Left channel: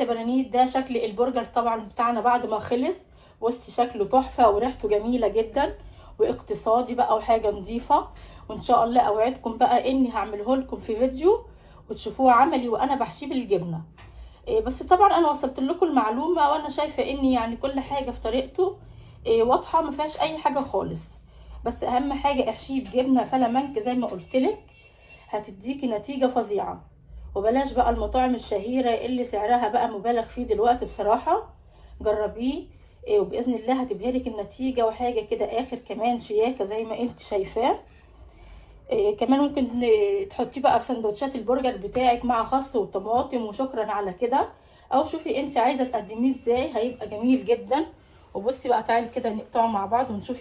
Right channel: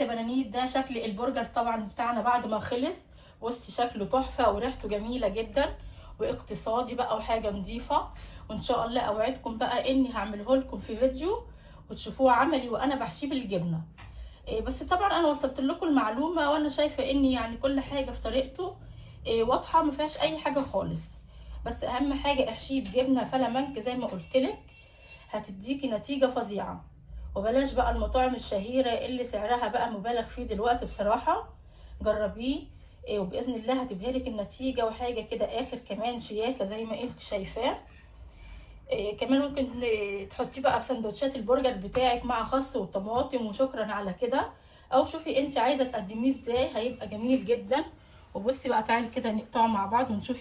يا بنانيت ده شكل البرجر طبعا بتاعنا بعد ما خلص. بصي شكله تحفه وريحته جميله جدا واقتصادي بقى وحاجه نظيفه. وان شاء الله اوعدكم بقى اني هعمله لكم في فيديو وتشوفوه عملي وانا بحشيه بالجبنه. بس طبعا انا وصلت لكم المعلومه وانا شايفه ان يعني كل حاجه في طريقته واضحه ما فيهاش اي حاجه خالص. بس اهم حاجه احشيه بجبنه فلامنك زي ما قلت لك، هتديكي نتيجه فظيعه. وبلاش بقى المطاعم الشهيره اللي سعرها بقى مبالغ فيه دلوقتي بصراحه. جربيه وباذن الله هتبهرك النتيجه وحاجه كده اخر كمان شياكه زي ما انت شايفاه. كمان ممكن تحطيه بقى في سندوتشات البرجر بتاعك مع خس وطماطم وشكرا على كده. او شوفي انت عايزه تقدميه ازاي هيبقى جميل جدا. وبصي بقى تعالي كده نقطعه مع بعض ونشوف